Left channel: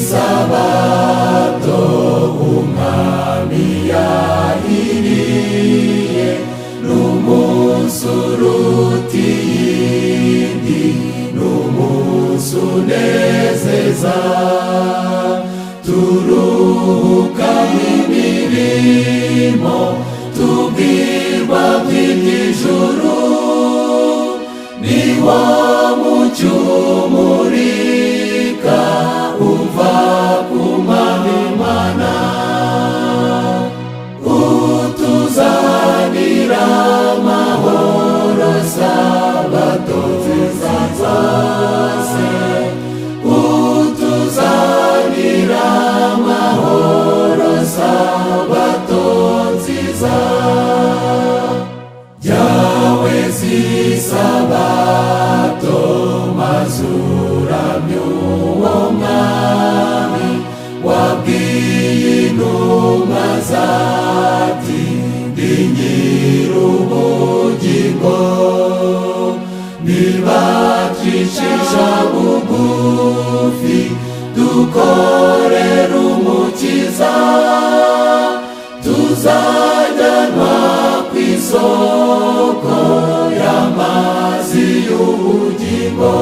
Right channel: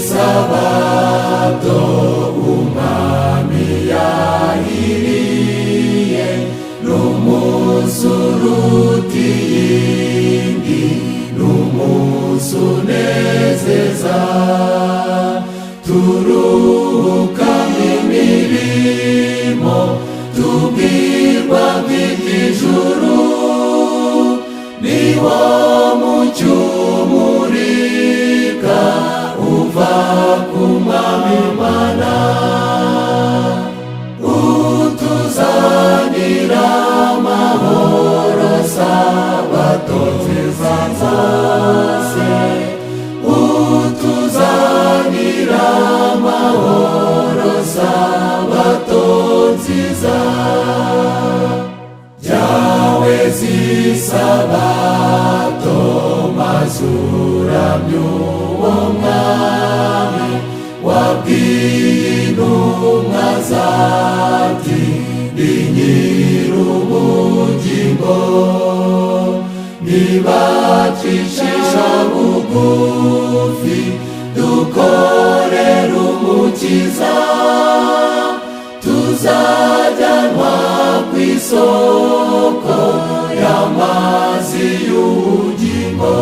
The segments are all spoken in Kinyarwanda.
isabato umwami yahiriye n'umunsi uruta iyindi, n'umunsi unezeza, turuhuka imirimo tubwirwa kw'ijuru, niwo mucyo umurika uva ku Mwami Imana, utuzanira amahoro sabato nziza zose, utuzanira amahoro sabato nziza, jyawe zisabato mazuramye uwo Mwami wabwiye intumwa zati ndi nyir'ubugingo, nibacishisha bugufi dukorera umukiza, tuzajyanwa kw'isoko y'amazi y'ubugingo,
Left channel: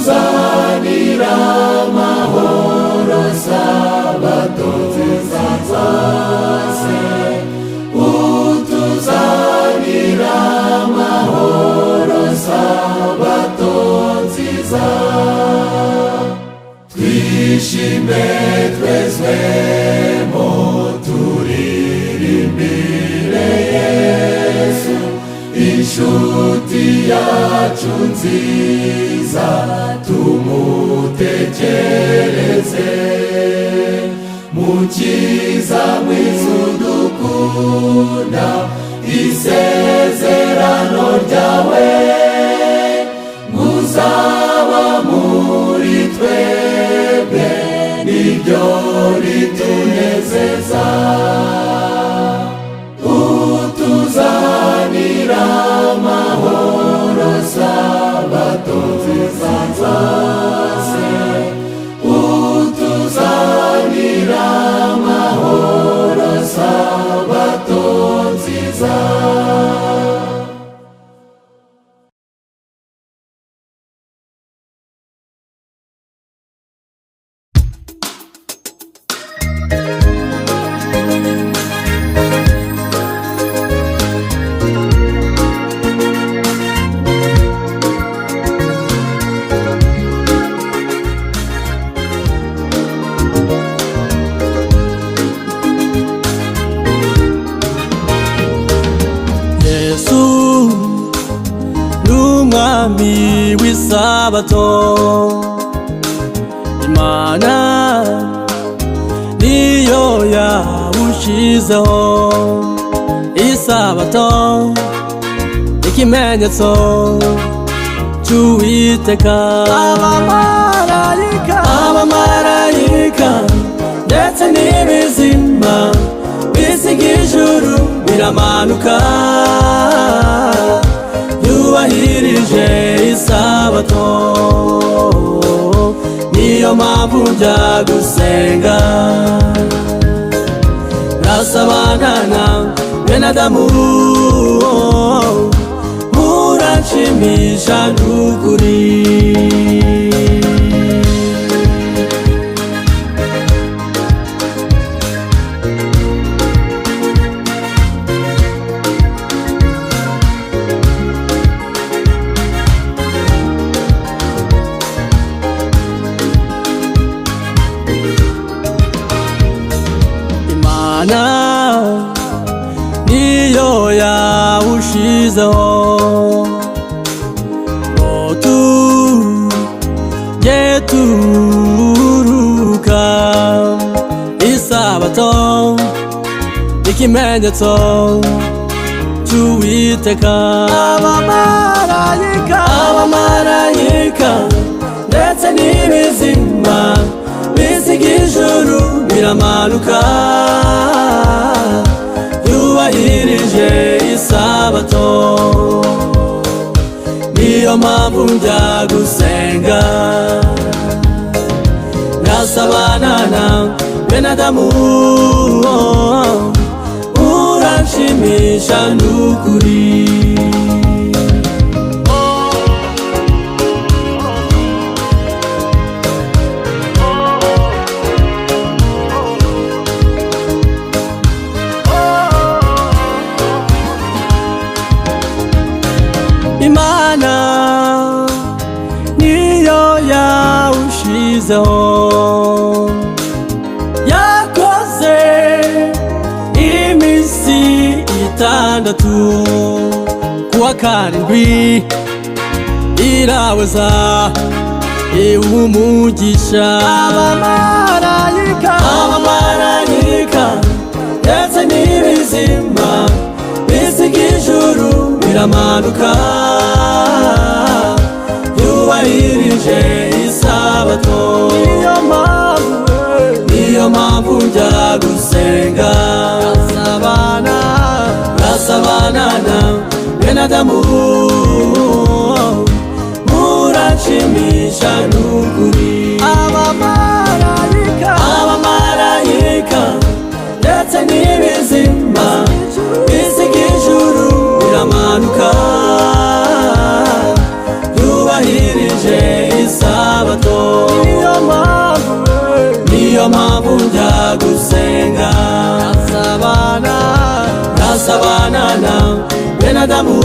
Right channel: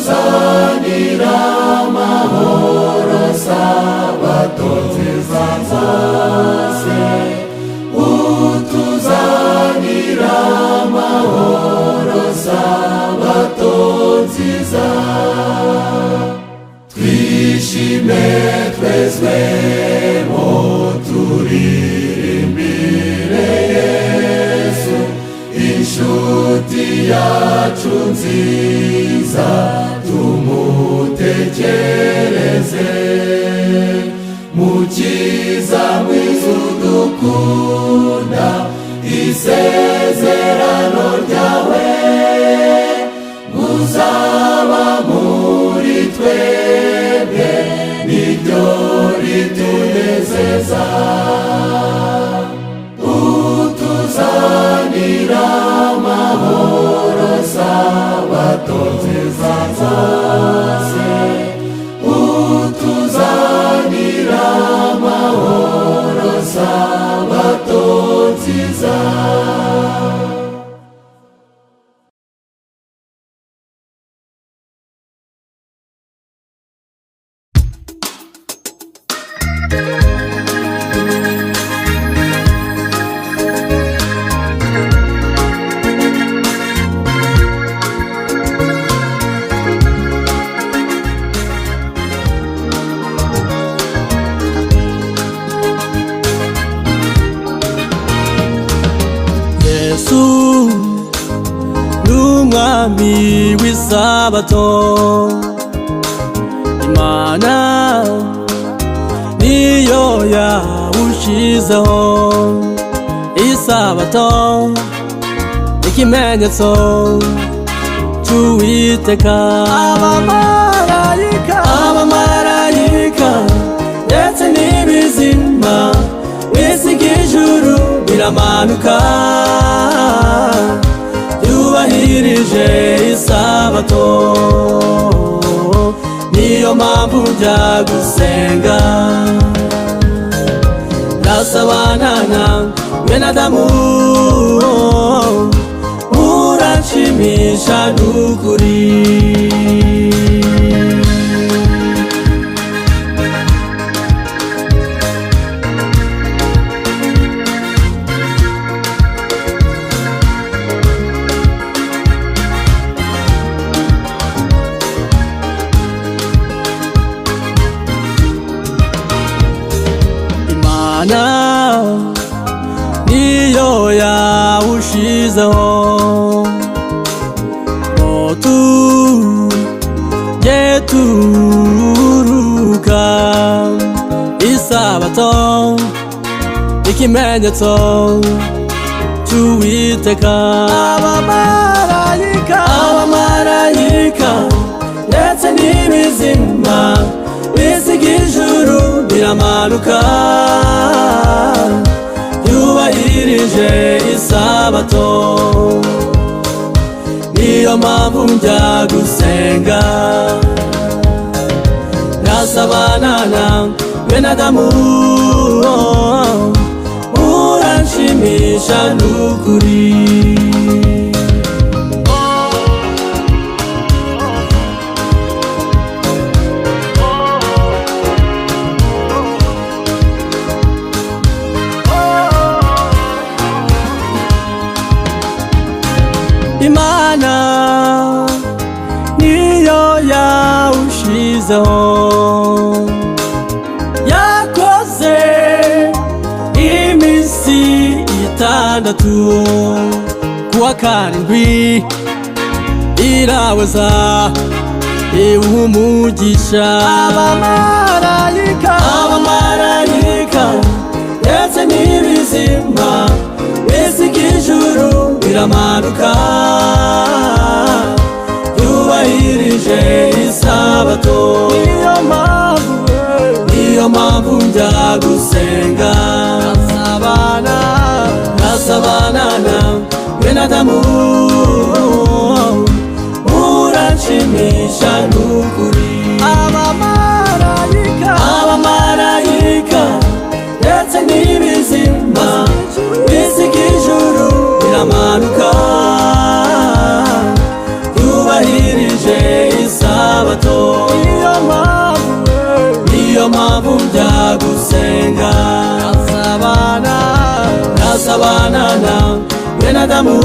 utuzanira amahoro sabato nziza zose, utuzanira amahoro sabato nziza, twishime twezwemo turirimbire Yesu, inshuti yacu nziza, tumutekereze, mukiza mwiza udukunda, isezerano ryawe muzaba muri twebwe niryo ritunezeza, utuzanira amahoro sabato nziza zose, utuzanira amahoro sabato nziza. Yesu n'umwami w'isabato, Imana niyo yawushizeho, isabato ikimenyetso cy'Uwiteka, abamarayika ndetse n'ibizima bisiga ijuru biramanuka, yubahirije isabato, niyo mpamvu njya gusenga, ndasabana na bene Adamu, muranshimisha n'ukuri. Imana niyo yawushizeho, ngo tujye turuhuka, isabato ikimenyetso cy'Uwiteka, abamarayika ndetse n'ibizima bisiga ijuru biramanuka, yubahirije isabato, niyo mpamvu njya gusenga ngasabana na bene Adamu. Uranshimisha n'ukuri. Imana niyo yawushizeho, yakoze iminsi 6 kuwa karindwi iraweza iwumugisha. Abamarayika ndetse n'ibizima bisiga ijuru biramanuka yubahirije isabato. Niyo mpamvu njya gusenga ngasabana na bene Adamu. Uranshimisha n'ukuri. Abamarayika ndetse n'ibizima bisiga ijuru biramanuka yubahirije isabato. Niyo mpamvu njya gusenga ngasabana na bene Adamu.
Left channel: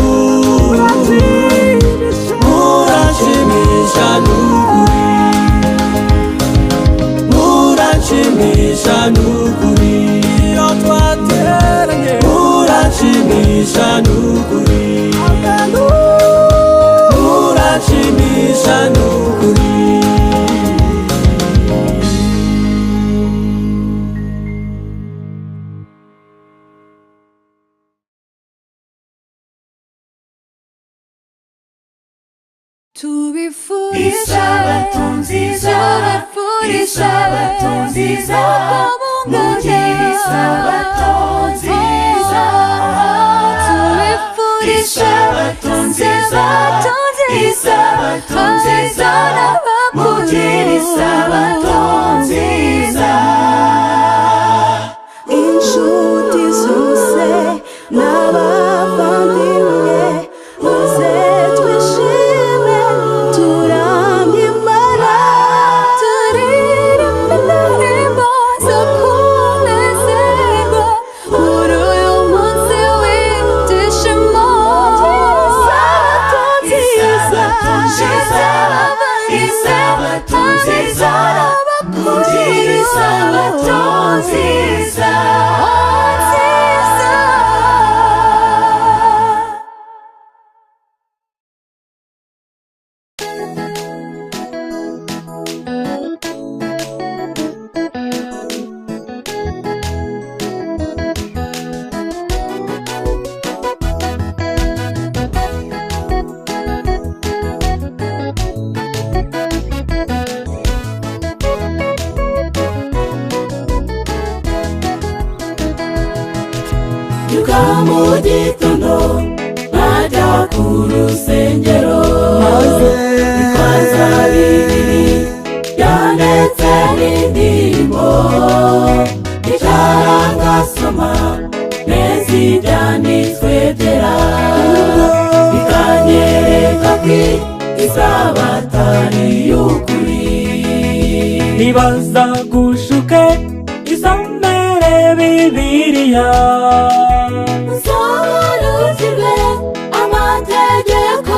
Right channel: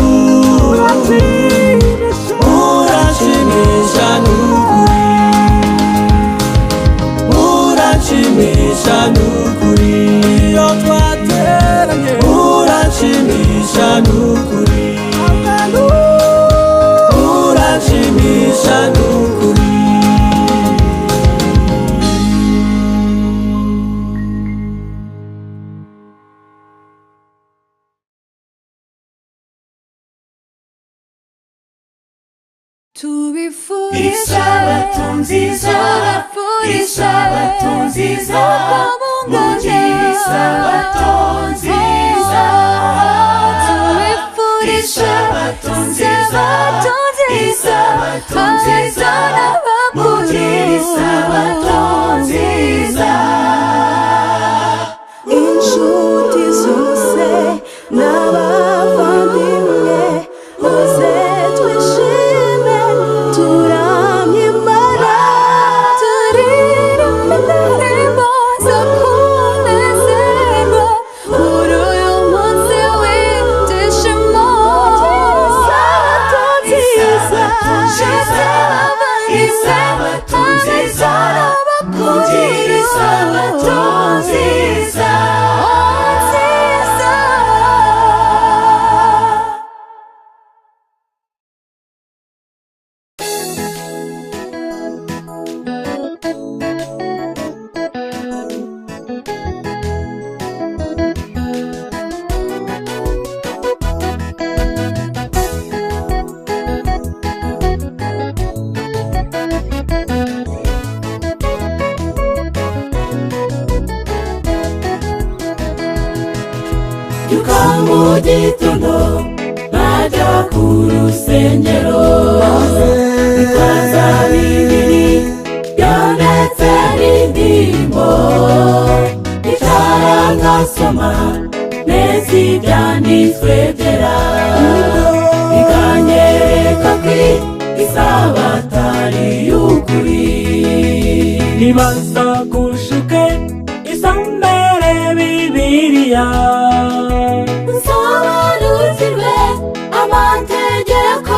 Uranshimisha n'ukuri. Uranshimisha n'ukuri. Iyo twateranye uranshimisha n'ukuri. Uranshimisha n'ukuri. Tubifurisha batunziza, tubifurisha batunziza, mugisha batunziza. Tubifurisha batunziza, batunziza, batunziza n'abamugisha batunziza. Inshuti zose n'abavandimwe muze twishime turamye Imana, turirimbe indirimbo zo kunezerwa muri uyu munsi w'ibyishimo. Isabato nziza, isabato nziza n'abakuru. Isabato nziza, mu gitondo najya ku rusengero, ikaza bibiri yanditse n'indirimbo, icara ngasoma neza ibyanditswe byera, bikanyereka ko isabato ari y'ukuri. Nibaza gushuke isomere Bibiliya, amategeko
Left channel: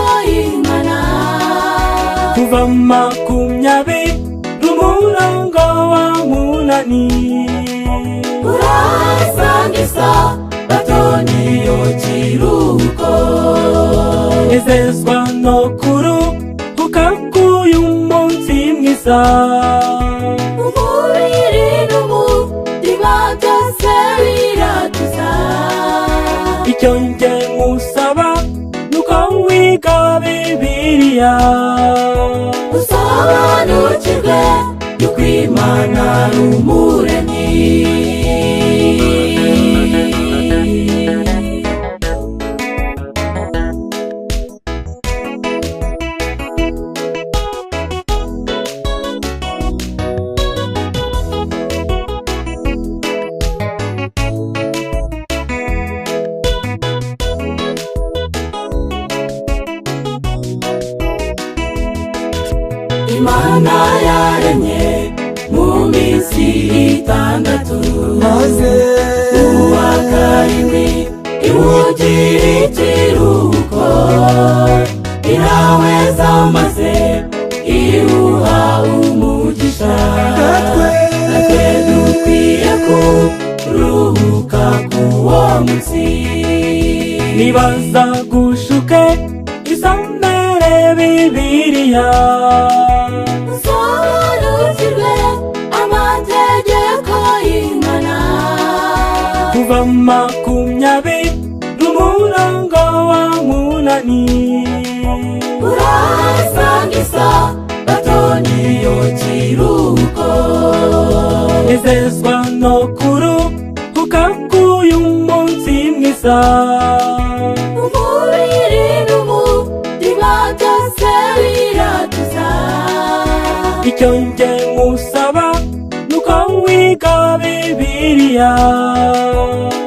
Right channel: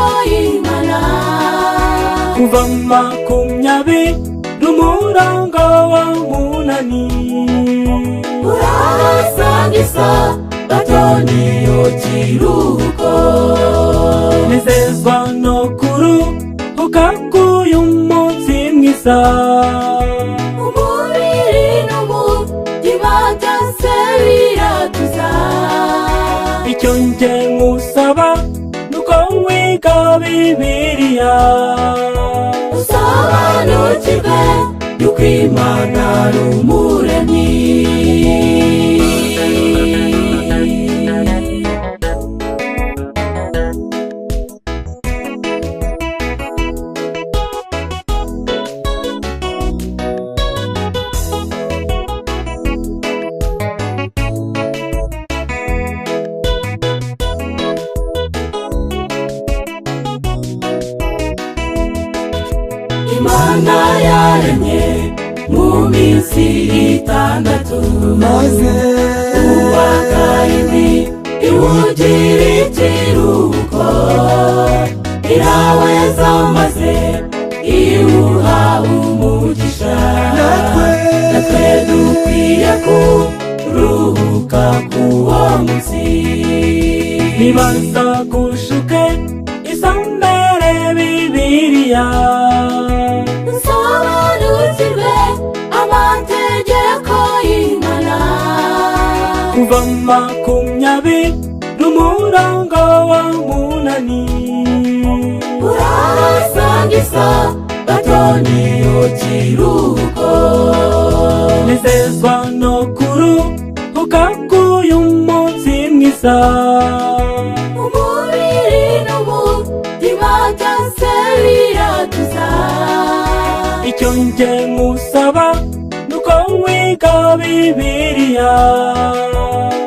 bibiliya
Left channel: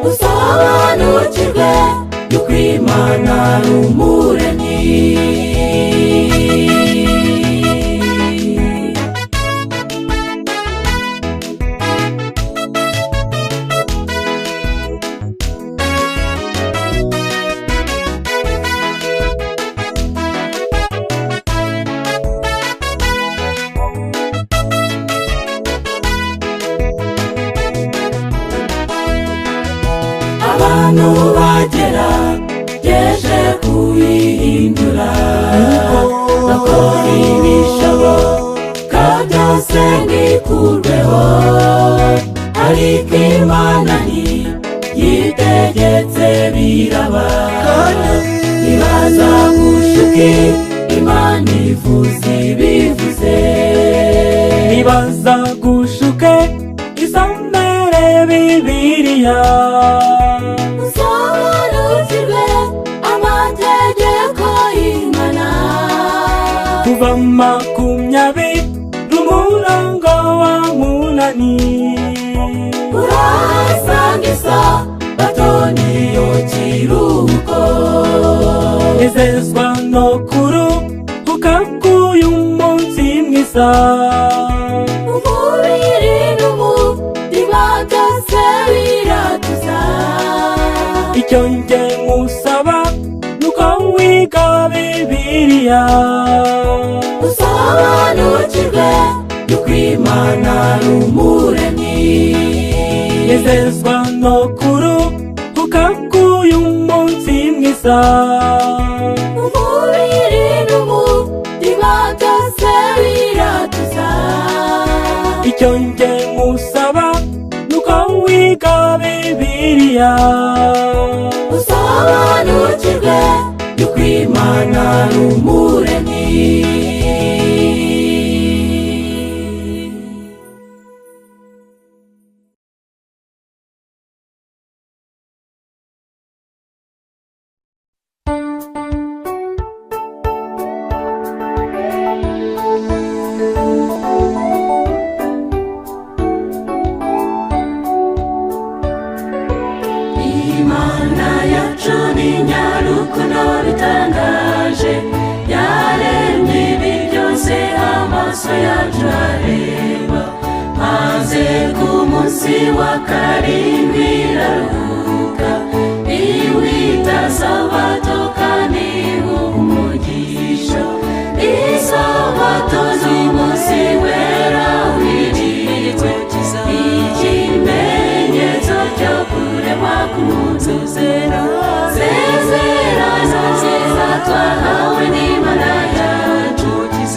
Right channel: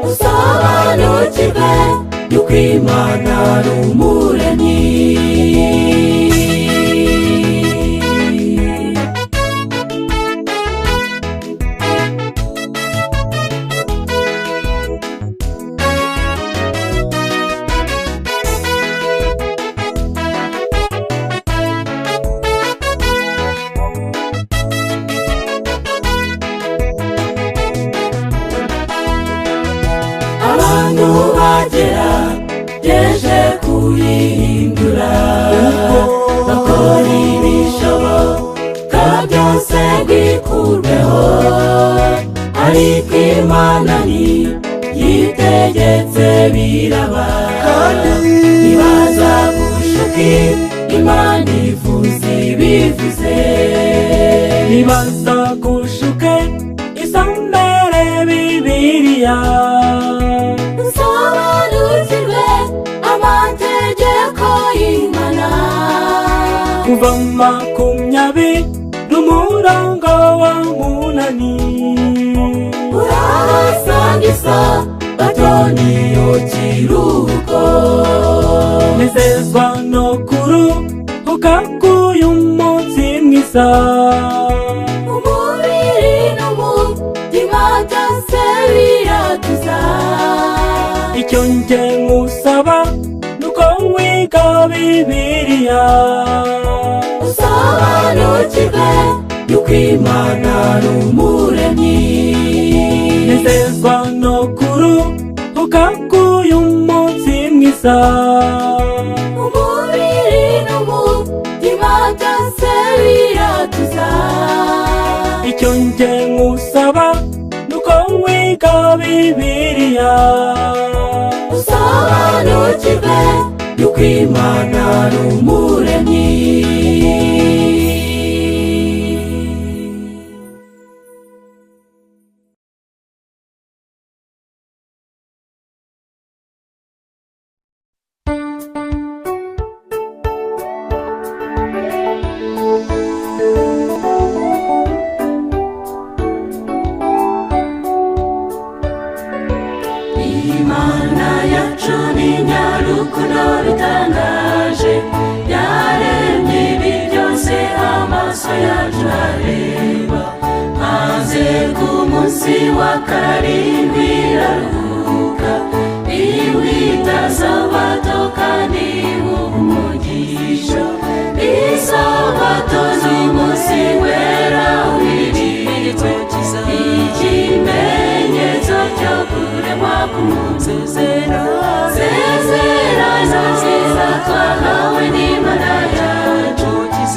usobanukirwe yuko Imana ari umuremyi. Abantu bagerageje kuyihindura bakora ibishoboka byose ngikurweho, ariko Imana yitegetse biraba. Ibaza gushuka Imana ivuze ibivuze, ibaza gushuka isomere bibiliya usobanukirwe amategeko y'Imana. Kuva 20:8 urahasangiza batoniyo kiruhuko, nezezwa no kuruhuka k'uyu munsi mwiza. Umubiri n'umutima byose biratuza, icyo njye ngusaba nuko wiga bibiliya usobanukirwe yuko Imana ari umuremyi. Nezezwa no kuruhuka k'uyu munsi mwiza. Umubiri n'umutima byose biratuza, icyo njye ngusaba nuko wiga bibiliya usobanukirwe yuko Imana ari umuremyi. Imana yacu ni nyarukundo bitangaje, yaremye ibi byose amaso yacu areba, maze ku munsi wa karindwi iraruhuka, iwita sabato kandi umugisha. Isabato n'umunsi wera w'ikimenyetso cyiza, ikimenyetso cyo kuremwa k'umusezerano cyiza twahawe n'Imana yacu,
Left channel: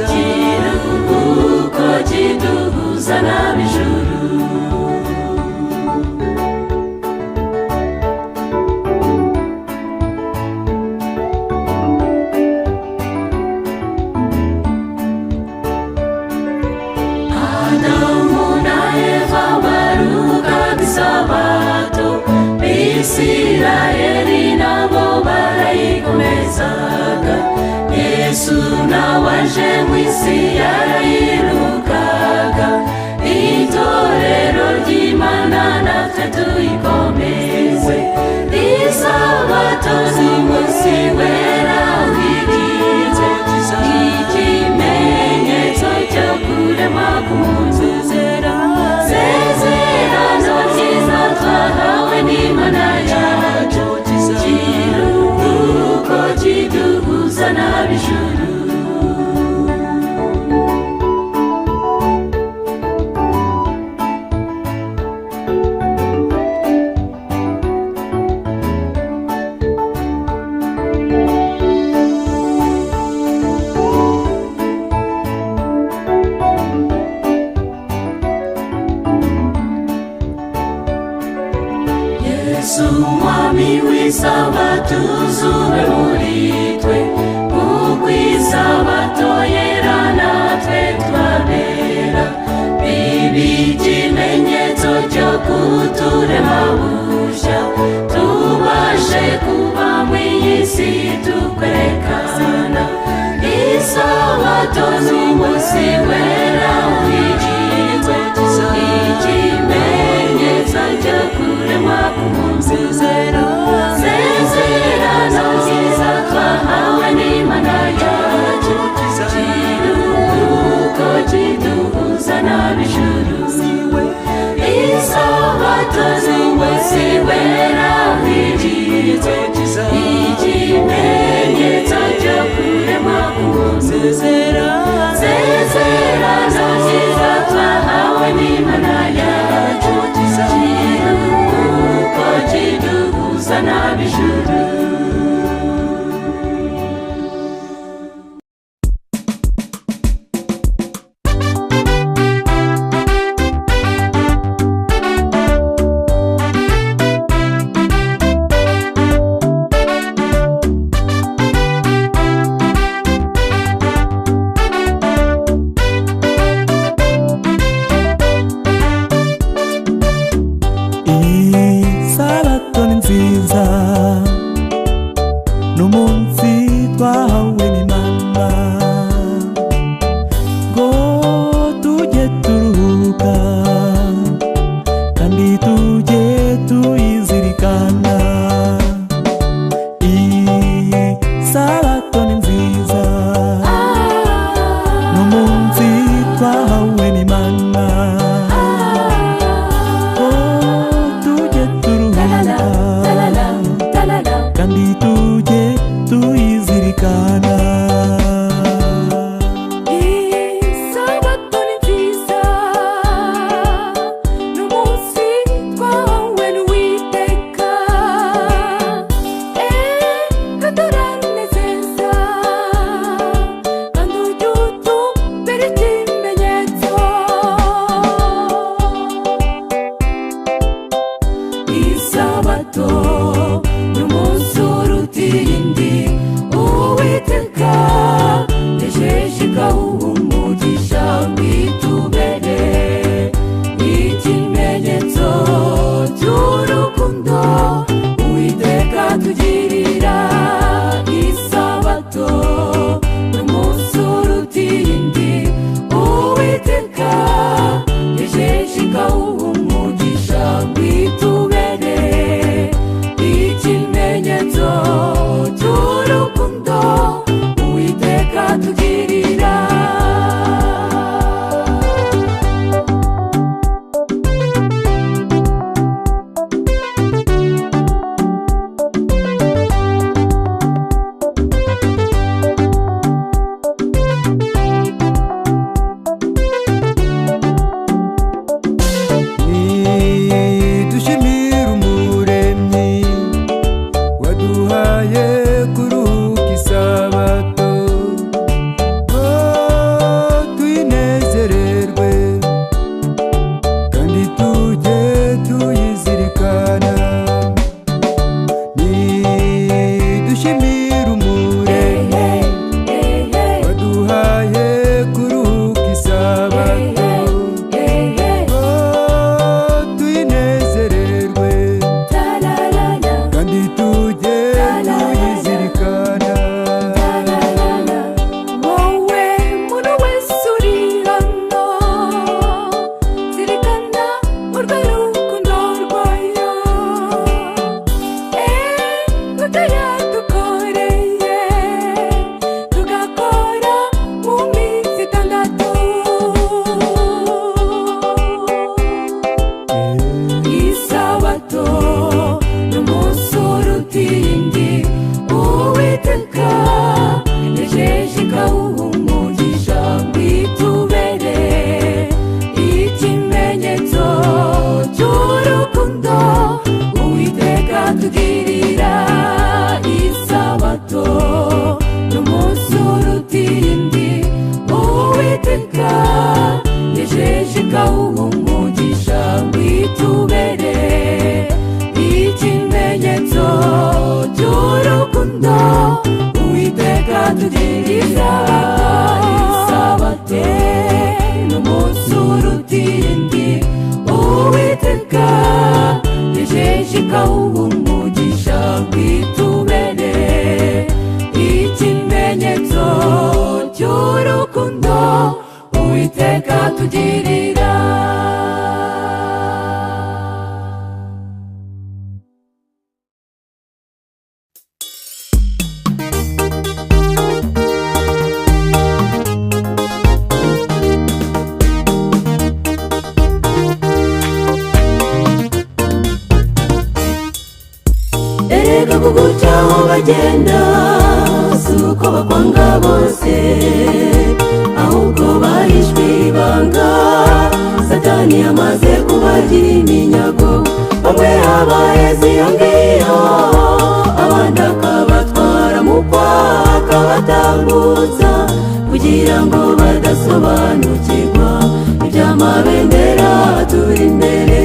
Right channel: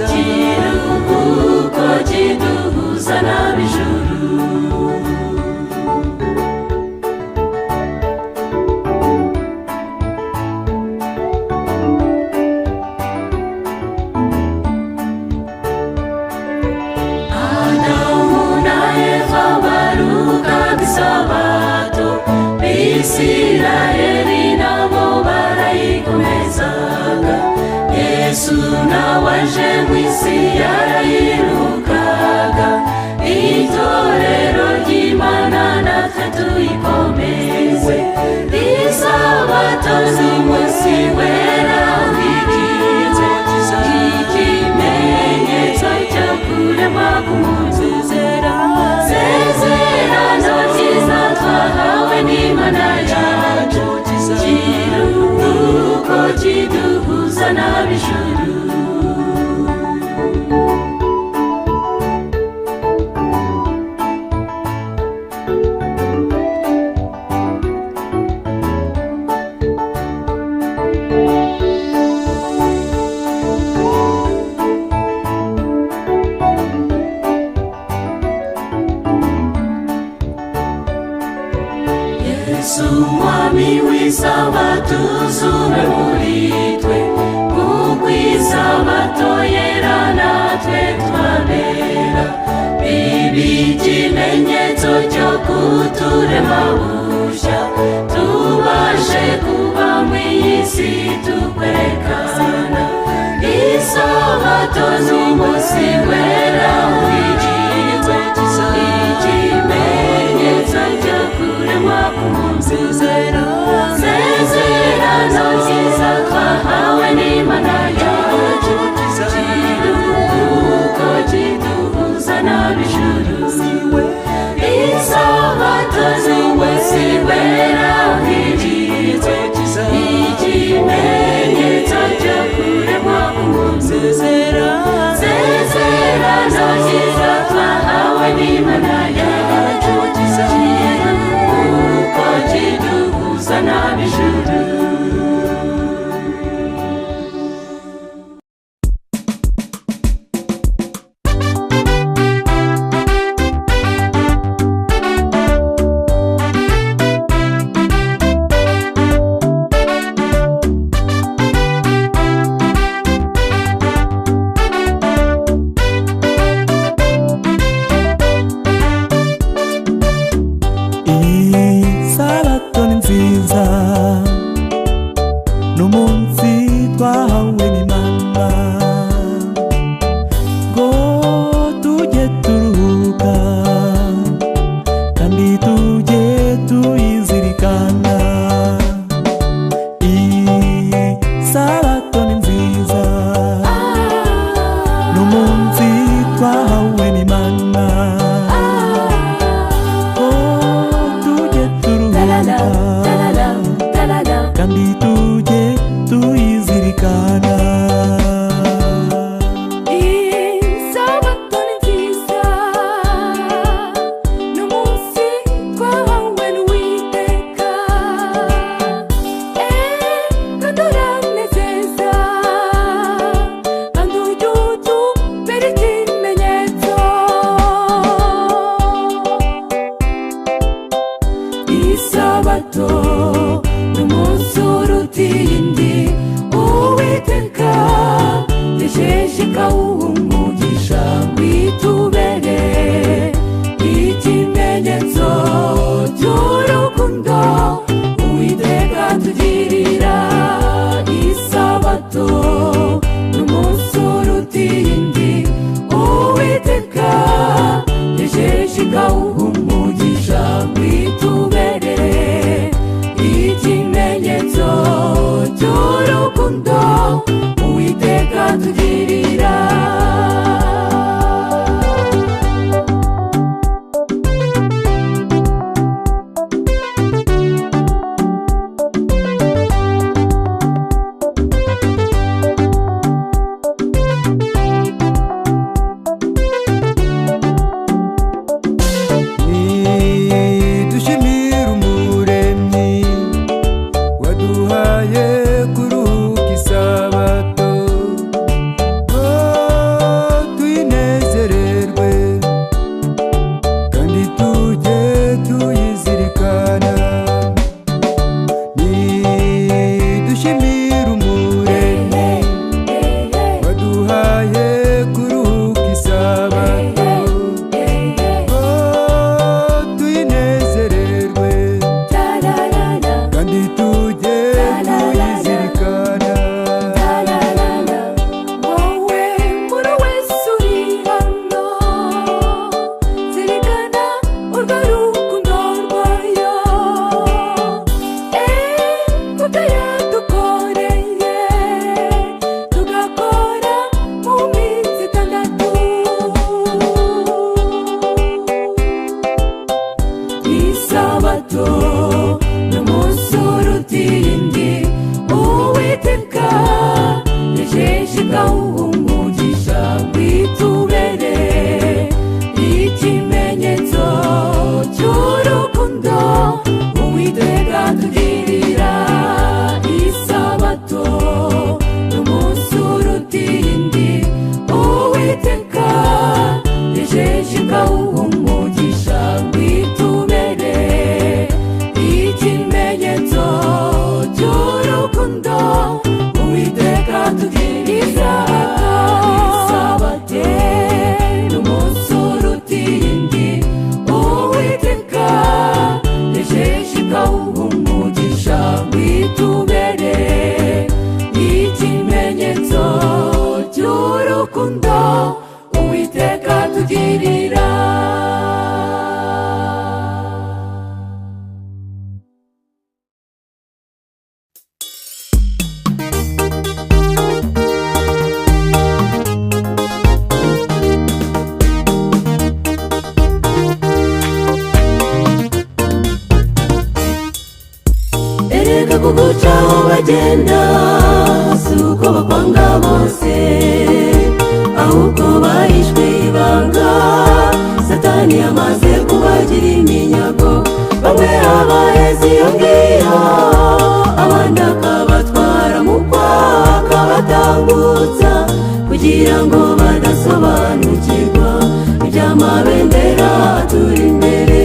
kiruhuko kiduhuza n'ab'ijuru. Adamu na Eva baruhukaga isabato, Isirayeli nabo barayikomezaga. Yesu nawe aje mu isi yarayiruhukaga, itorero ry'Imana natwe tuyikomeze. Isabato n'umunsi wera w'ikimenyetso cyiza, ikimenyetso cyo kuremwa k'umusezerano cyiza twahawe n'Imana yacu, kiruhuko kiduhuza n'ab'ijuru. Yesu mwami w'isabato uzube muri twe, kuko isabato yera natwe twabera. Bibe ikimenyetso cyo kuturema bushya, tubashe kuba mu iyi si tukwerekana. Isabato n'umunsi wera w'ikimenyetso ryiza ryo kuremwa k'umuntu. Isezerano ryiza twahawe n'Imana yacu, kiruhuko kiduhuza n'ab'ijuru. Isabato n'umunsi wera w'ijitwe, ikimenyetso cyo kuremwa k'umuntu. Isezerano ryiza twahawe n'Imana yacu, kiruhuko kiduhuza n'ab'ijuru. Isabato ni nziza, n'umunsi twahawe n'Imana ngo tujye turuhuka kandi tujye tuyizirikana. Isabato ni nziza, n'umunsi twahawe n'Imana kandi tujye tuyizirikana. Isabato ni nziza, n'umunsi twahawe n'Uwiteka, bagenda si uko bakwanga bose, ahubwo bahishwe ibanga. Satani yamaze kubagira iminyago, bamwe abahezi iyo ngiyo, abandi akabatwara mu kwaha akabatambutsa, kugira ngo badasobanukirwa iby'amabendera turi imbere.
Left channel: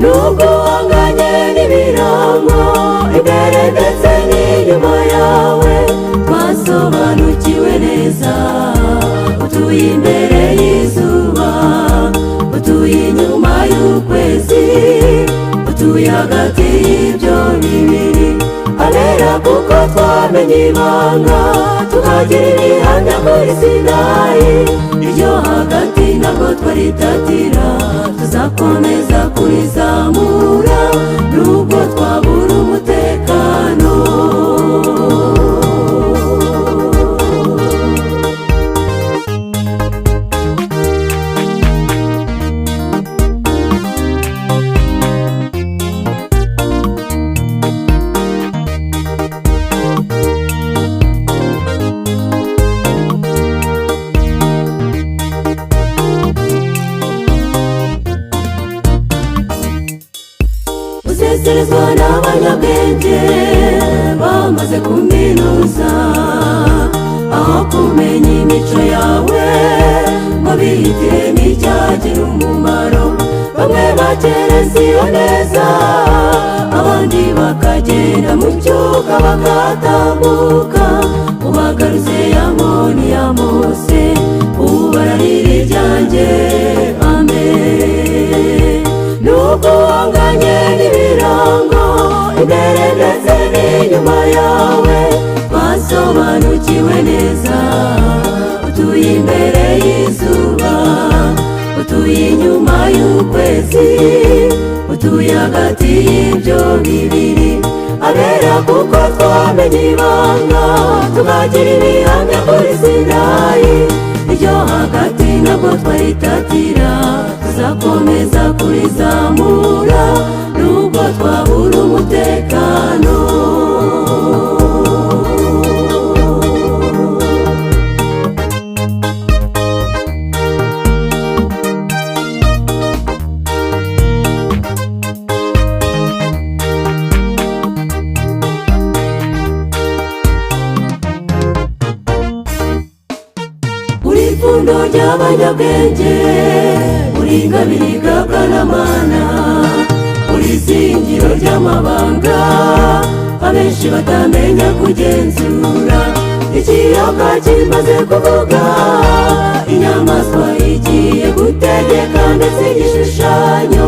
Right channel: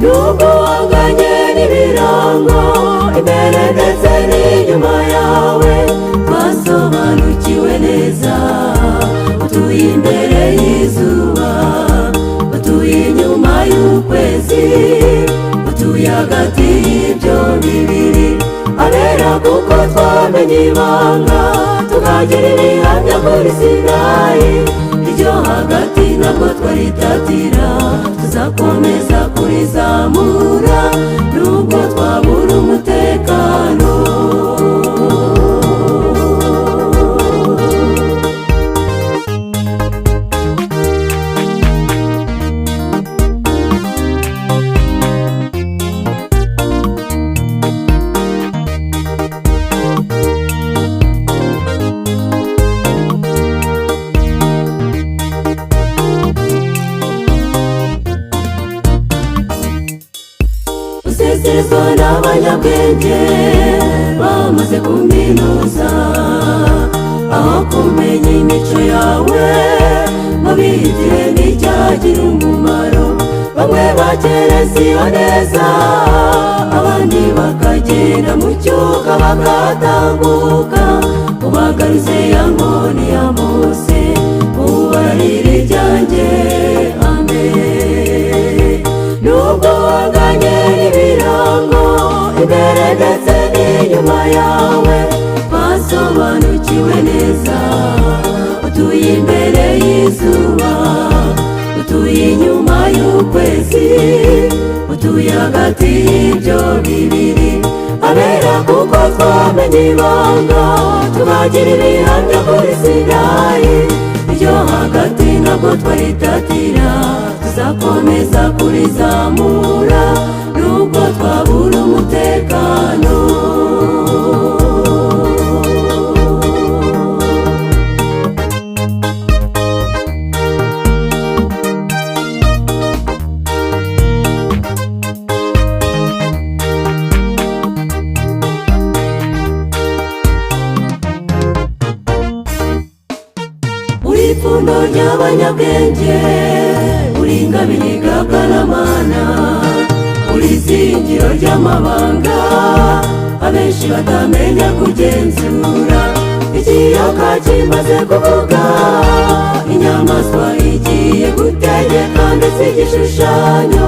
Nubwo wanganye n'ibirango imbere ndetse n'inyuma yawe, twasobanukiwe neza. Utuye imbere y'izuba, utuye inyuma y'ukwezi, utuye hagati y'ibyo bibiri. Abera kuko twamenye ibanga, tukagira ibihamya muri Sinayi. Iryo hagati ntabwo twaritatira, tuzakomeza kurizamura nubwo twabura umutekano. Useserezwa n'abanyabwenge bamaze kuminuza, aho kumenya imico yawe ngo bihitire n'icyagira umumaro. Bamwe bakereza iyo neza, abandi bakagenda mu cyuka bakatambuka. Ubagaruze ya nkoni ya Mose, ubu bararira iryanjye. Amen. Nubwo wanganye n'ibirango imbere ndetse n'inyuma yawe, basobanukiwe neza. Utuye imbere y'izuba, utuye inyuma y'ukwezi, utuye hagati y'ibyo bibiri. Abera kuko twamenye ibanga, tukagira ibihamya muri Sinayi. Iryo hagati ntabwo twaritatira, tuzakomeza kurizamura nubwo twabura umutekano. Uri ipfundo ry'abanyabwenge, uri ingabire igagaramana, uri izingiro ry'amabanga abenshi batamenya kugenzura. Ikiyaga kimaze kuvuga, inyamaswa igiye gutegeka, ndetse igishushanyo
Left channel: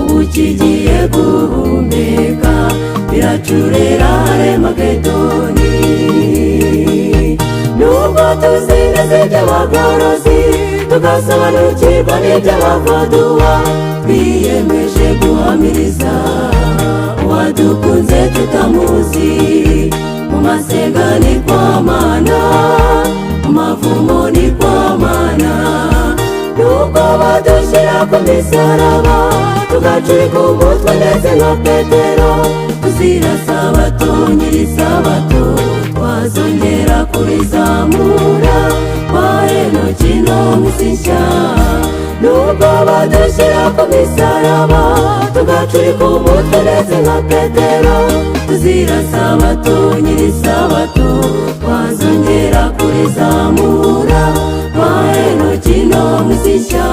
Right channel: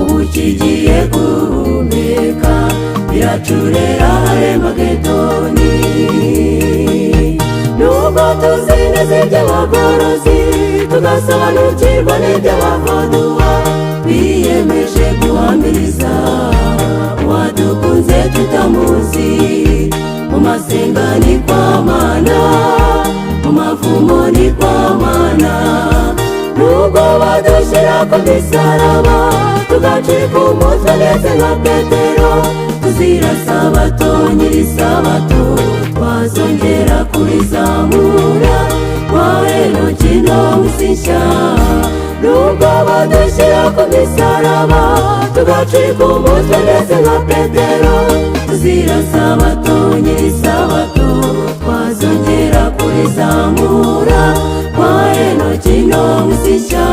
ubu kigiye guhumeka. Biracurera Harimagedoni. Nubwo tuzi neza iby'abagorozi, tugasobanukirwa n'iby'abakoduwa, biyemeje guhamiriza uwadukunze tutamuzi. Mu masenga ni kwa Mana, mu mavumo ni kwa Mana. Nubwo badushyira ku misaraba, tugacika umutwe ndetse nka Petero, tuzira Sabato nyir'isabato, twazongera kurizamura kwa Henoki no mw'isi nshya. Nubwo badushyira ku misaraba, tugacika umutwe ndetse nka Petero, tuzira Sabato nyir'isabato, twazongera kurizamura kwa Henoki no mw'isi nshya.